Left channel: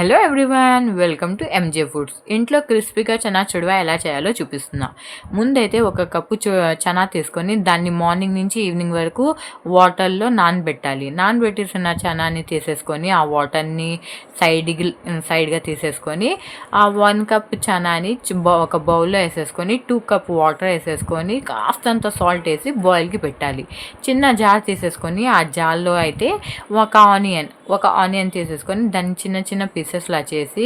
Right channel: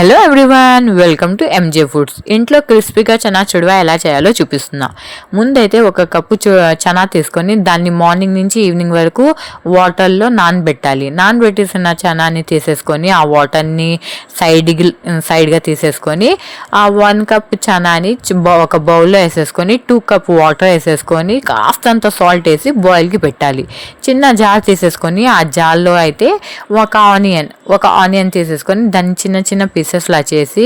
Hello everyone, welcome to M J foods. ఇంట్లో క్రిస్పీగా చనా చుడవా ఎలా చేయాలో చూపిస్తున్నా. ముందైతే ఒక కప్పు చనా తీసుకొని దాన్ని మార్నింగ్ నుంచి ఈవినింగ్ వరకు వాటర్లో నానబెట్టాలి. నానబెట్టేసిన చనాని తీసేసుకొని ఆ వాటర్ని సైడ్గా తీసేసుకొని ఆ 1 కప్ చనాని ఒక బౌల్లో వేసేసుకొని 2 కప్ వాటర్ వేసేసుకొని కాస్తంత సాల్ట్ వేసి బాయిల్కి పెట్టాలి. చిన్న జార్ తీసేసుకొని ఆ జార్లో అయితే ఒక ఆనియన్ తీసేసుకొని దాన్ని చిన్న చిన్న పీసెస్లా చేసి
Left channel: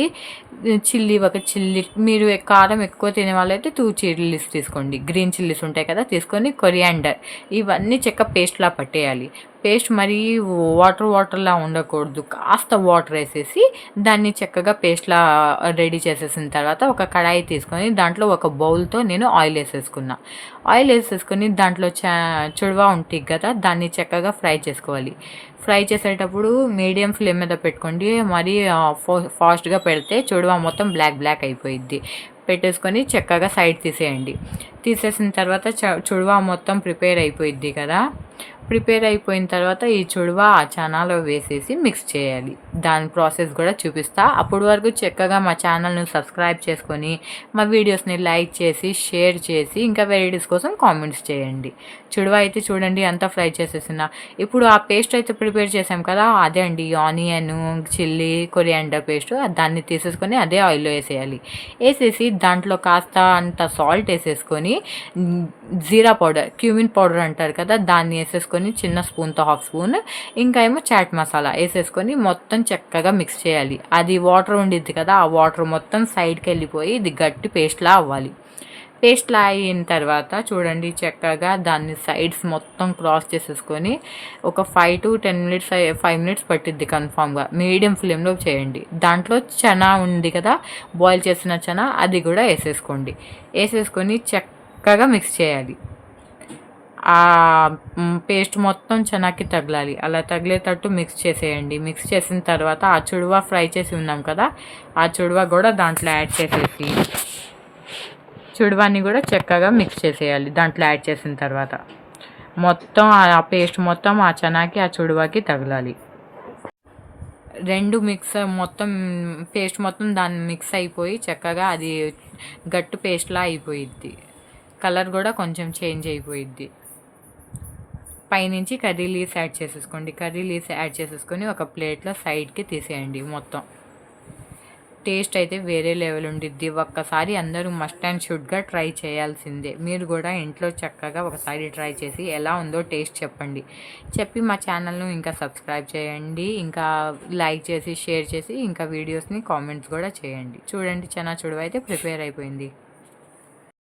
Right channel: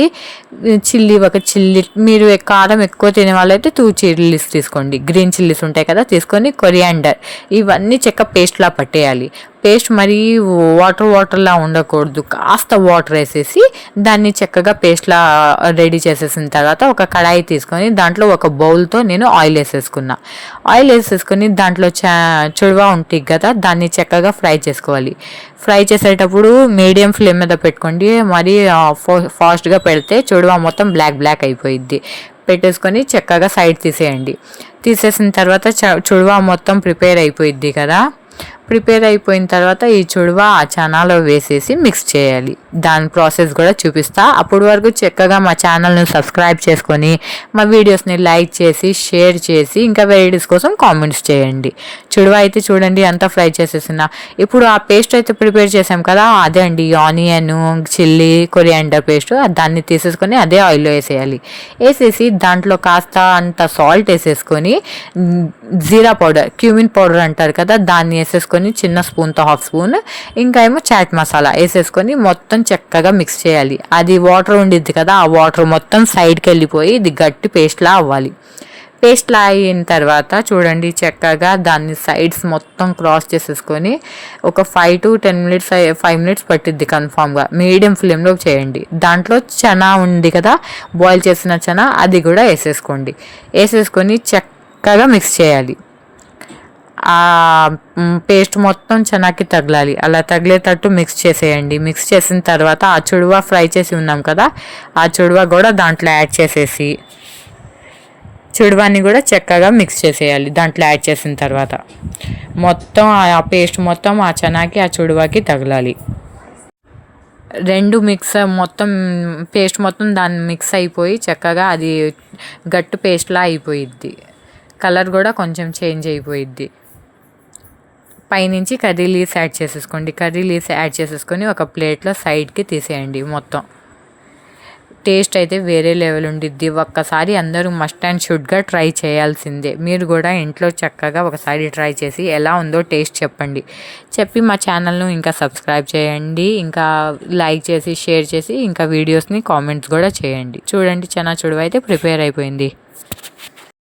ఒక చిల్లీ, మీరు కారం ఎక్కువ తినే వాళ్ళైతే 2 చిల్లీస్ తీసుకోండి. గ్రీన్ చిల్లీస్ ఉంటాయి కదా, తీసుకొని కొరియాండర్ ఇవన్నీ పేస్ట్లా పట్టేయాలి. పేస్ట్ మరీ వాటర్లా ఉండకూడదు. కాస్త వాటర్ వేసేసి దాన్ని చక్కగా పేస్ట్లా రెడీ చేసేసిన తర్వాత ఒక కడాయి తీసుకొని దాంట్లో ఒక బౌల్తో నేను ఆయిల్ వేసేసుకొని దాంట్లో చుడవా ఉంటుంది కదా, దాన్ని చక్కగా ఫ్రై చేసుకోవాలి. ఫ్రై చేసేటప్పుడు మీడియం ఫ్లేమ్ మీద పెట్టుకోండి. మరీ ఫాస్ట్గా పెడితే చుడవా మొత్తం బ్లాక్ అయిపోయిద్ది. పెట్టేసుకొని చక్కగా సైడ్ తీసేయండి. తీసేసిన తర్వాత చుడవా మొత్తం ప్రిపేర్ అయిపోయిద్ది కదా. ప్రిపేర్ అయిపోయిన తర్వాత ఈ చుడవా ఆ చనాలో వేసేసి మిక్స్ చేయాలి. దాని ప్రాసెస్ కూడా చూపిస్తా. అప్పటి వరకు చక్కగా మా ఛానల్ని సబ్స్క్రైబ్ చేసుకొని మా వీడియోస్ని లైక్ చేసి షేర్ చేసి ఇంకా వెరైటీస్ కోసం కామెంట్స్ చేయండి. చుడవా అయితే చూడండి అంతా ఫ్రై చేసేసిన. ఇప్పుడు ఆ పేస్ట్ అయితే ప్రిపేర్ చేసాం కదా, అదే అండి ఆనియన్, చిల్లీ, కొరియాండర్ పేస్ట్, దాన్ని తీసేసుకొని అదే ఆయిల్లో వేసేసి దాంట్లో కాస్త అంత సాల్ట్ వేసేసుకొని జీరా పౌడర్, క్యూమిన్ పౌడర్ అంటారు కదా, దాన్ని వేసేసుకొని చిన్న స్పూన్తో 1/2 స్పూన్ ఇంకా ఏమో చాట్ మసాలా వేసేసుకొని మొత్తం చక్కగా మిక్స్ చేయాలి. అది వాటర్ ఉండిద్ది కదా, ఆ వాటర్ మొత్తం సైడ్కి వెళ్ళిపోయి ఇది గట్టి పేస్ట్లా అవ్వాలి. పేస్ట్లా అయిన తర్వాత చూడండి చక్కగా దాన్ని సైడ్స్ మొత్తం క్రాస్ చేసేసుకొని ఒక 5 to 10 మినిట్స్ 5 మినిట్స్ పట్టిద్ది కన్ఫామ్గా. మీడియం ఫ్లేమ్లో చేయండి. దాంట్లో చనా ఉంది కదా, బాయిల్ చేసిన చనా, అది కూడా వేసేసుకొని చక్కగా మిక్స్ చేయాలి. ఆ పేస్ట్ మొత్తం చనాకి తగలాలి. అలా తగిలేటట్టు మిక్స్ చేసేయండి. మిక్స్ చేసిన తర్వాత ఆ చుడవా ఫ్రై చేసి ఉన్నాం కదా, ఆ చుడవా కూడా దాంట్లో యాడ్ చేసేసి చుడవాని కూడా చక్కగా మిక్స్ చేసేయాలి. దాంట్లో యాడ్ చేసిన తర్వాత మొత్తం ఆ పేస్ట్ మొత్తం ఆ చనాకి ఆ చుడవాకి తగలాలి. మొత్తం పేస్ట్ మొత్తం దాన్ని మిక్స్ అయిపోయి చక్కగా అది గట్టు పేస్ట్లా అయిపోయిద్ది. కలర్ కూడా కొంచెం చేంజ్ అయిపోయిద్ది. పైనుంచి కర్రీ లీవ్స్ యాడ్ చేసేసుకోండి. కర్రీ లీవ్స్ యాడ్ చేసేసుకొని ఒక ప్లేట్లో సైడ్కి తీసేయండి. మొత్తం టేస్ట్ అయితే వేరే లెవెల్ ఉండిద్ది. ఒక్కసారి అందరూ మస్ట్ అండ్ షుడ్గా ట్రై చేయాల్సిందే. మీరు కూడా ఇంట్లో చక్కగా ఒకసారి ట్రై చేసి ఎలా ఉందో టేస్ట్ చెప్పి మా ఛానల్ను ఇంకా సబ్స్క్రైబ్ చేయండి. ఇంకా లైక్ చేసి షేర్ చేసి ఇంకా వీడియోస్ని కామెంట్స్ కూడా చేయండి. చూడండి చనా చుడవ అయితే ప్రిపేర్ అయిపోయింది.